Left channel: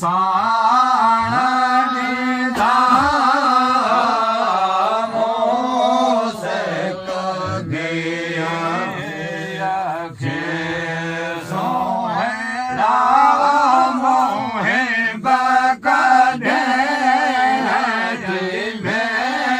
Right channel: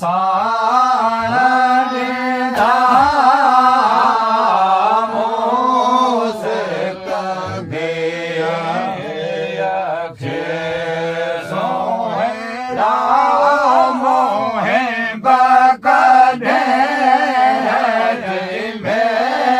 साण ॾींदा मूंसिक धीअ खे सोहिड़ा मोहे बकॾे मेलदा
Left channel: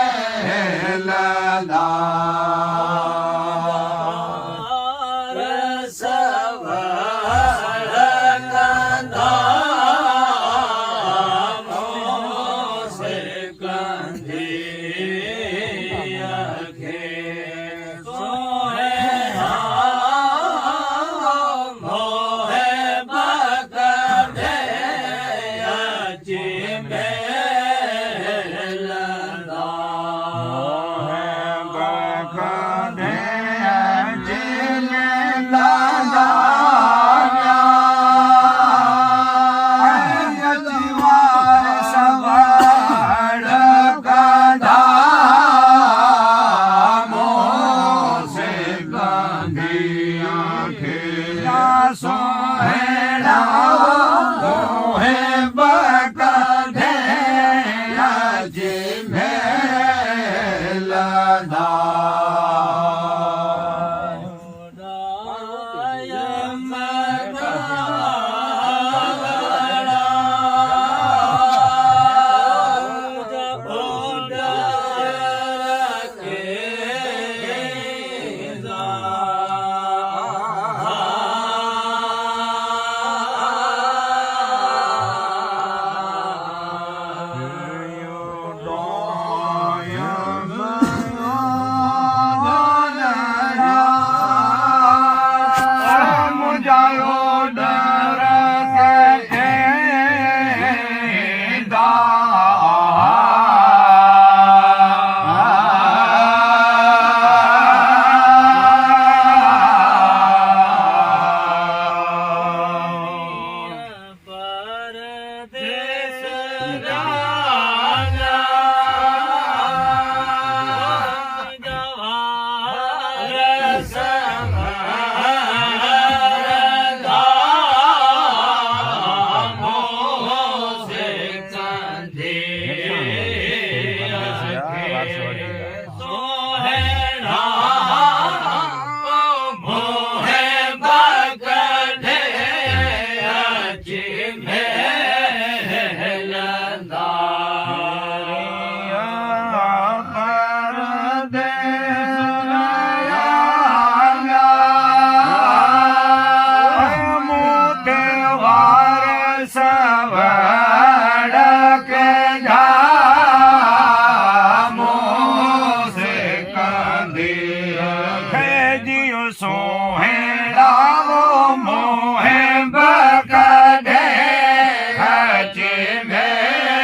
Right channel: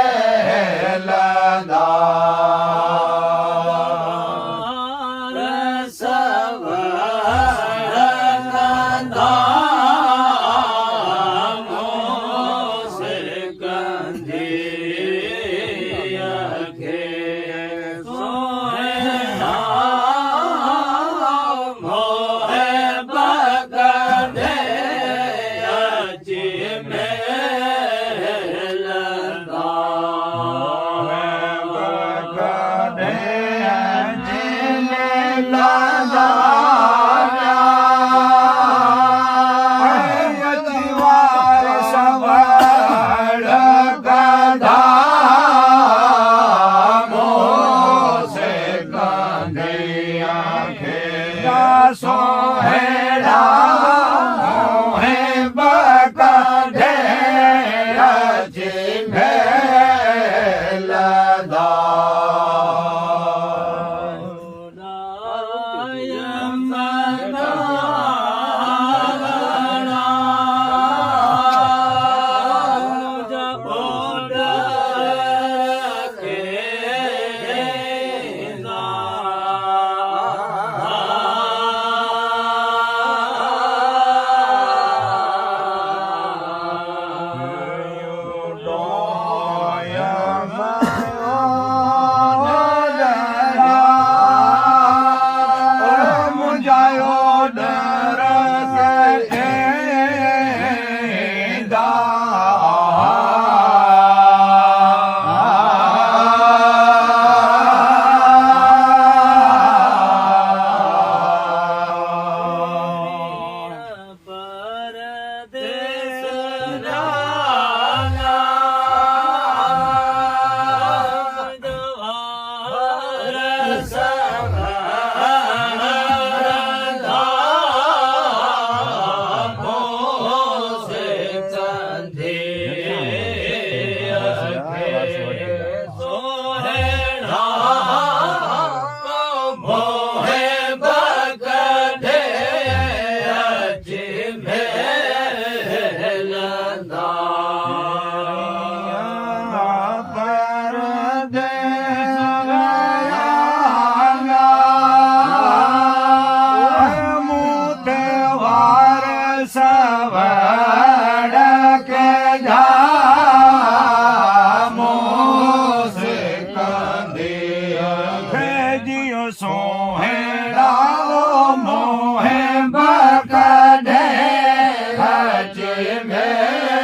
सोहिड़ा मोहे बकॾे अची मेलदा सोहिड़ा मोहे बकॾे अची मेलदा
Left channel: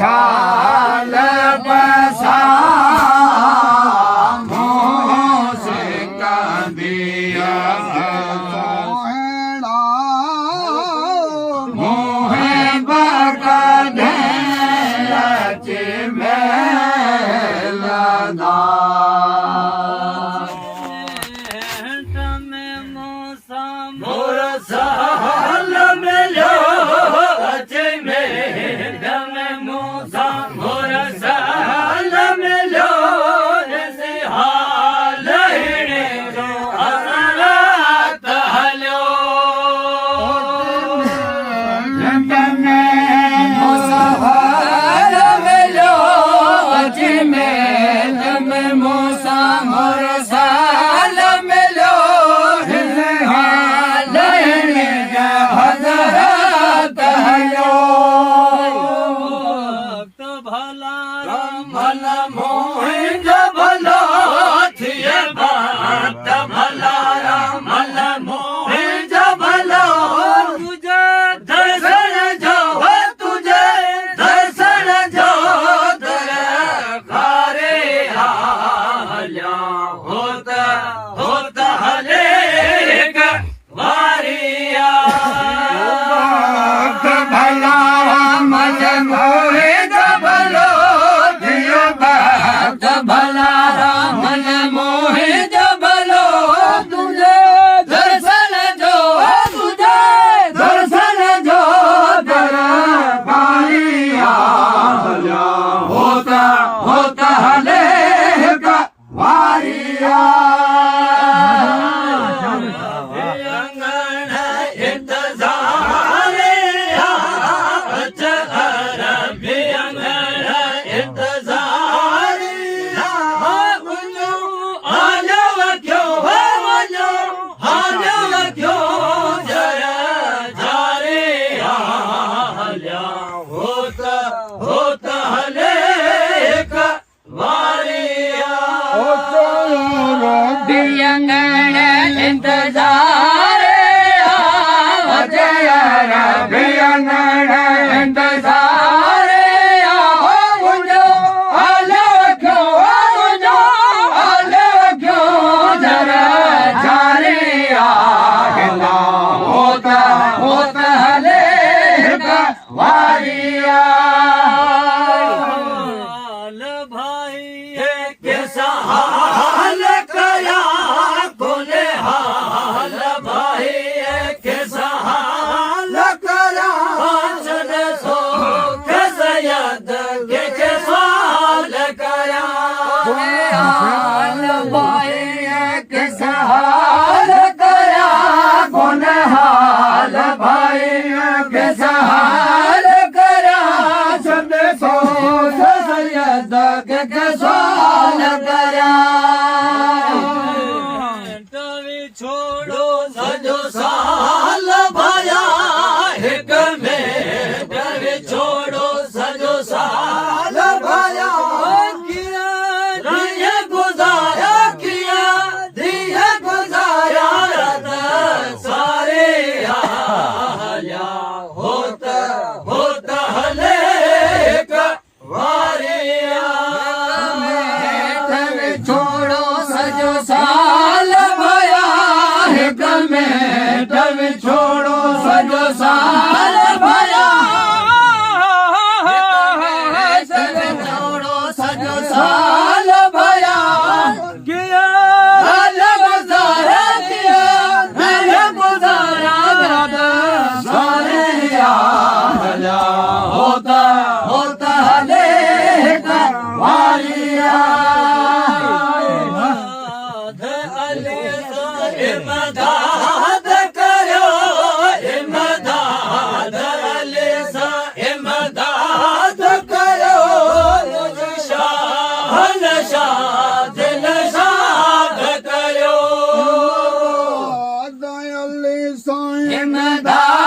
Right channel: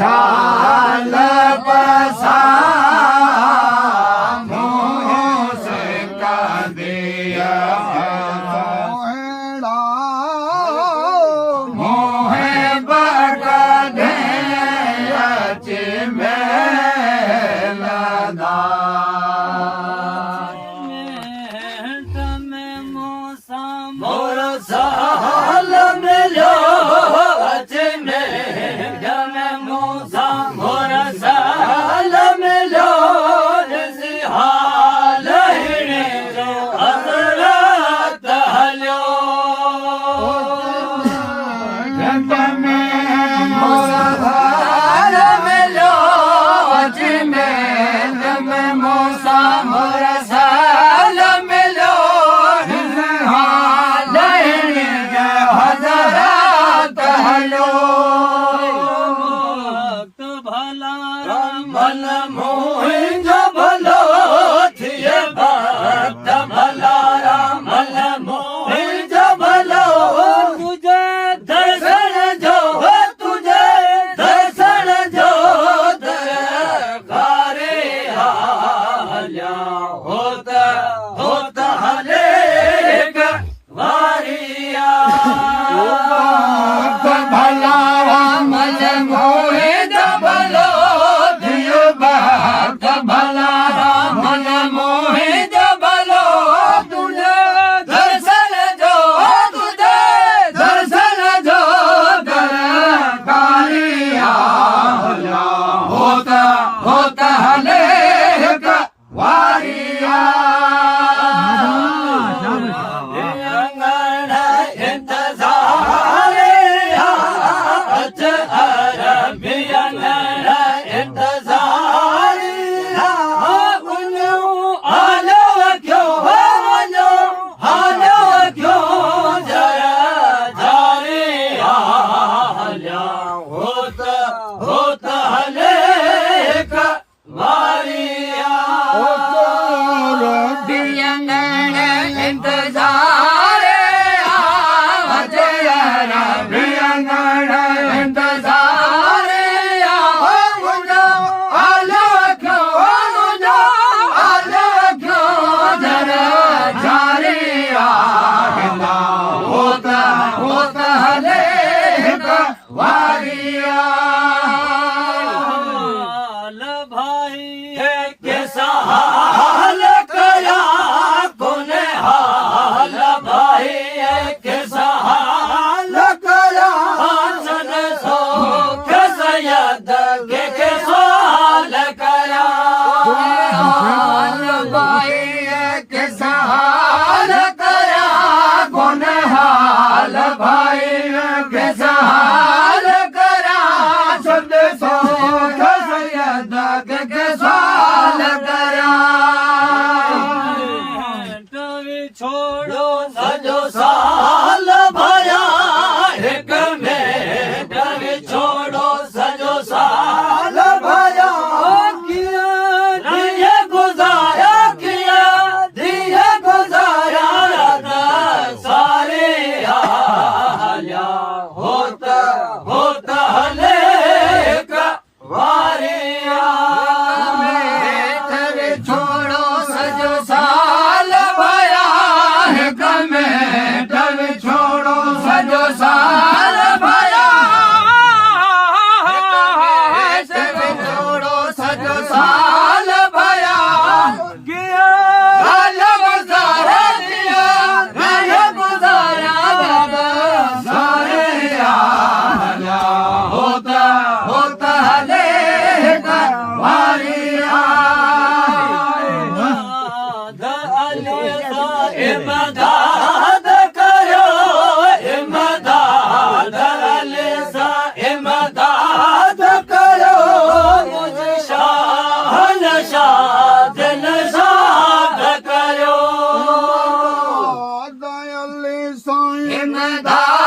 शाल पसा मोह से का दिया साल मिलो अजमेर में मूसा मोर साल मिलो हाल जो हजरत हलो में मूसा मोर साल मिलो हाल हजरत हलो भला मन मोहिन भलो थिए भक्त भला मन मोहिन भलो तुझे दर्शन जो तुझे दर्शन जो दरकारे हाल्या होता होता हले वारिया भला मन मोहिन भलो जियो भक्त भला मन मोहिन भलो तुझे दर्शन जो तुझे दर्शन जो दरकारिया होता होता हले वारिया होता हले वारिया इंतजार अजय रबियंगण इंतजार जरा जारिया होता होता हले वारिया भाई है कैसा हाल कया तूने हाल भाई है कैसा हाल कया सन सो कैसा याद के कैसा हाल कया हाल भाई है कैसा हाल कया कौन हाल भाई है कैसा हाल करा संदेशो साल करा छोड़ो सजो साल भया एक में छोड़ो सजो साल भया किया गुजारा किया दिया गुजारा सारे आया होता होता हले वारिया छोड़ो सजो साल भया में छोड़ो सजो साल भया छोड़ो सजो साल भया किया गुजारा किया गुजारा सारे होता होता हले वारिया इमदाद करो इमदाद अलीसा इमदाद करो शाहन शाद नशाद करो इमदाद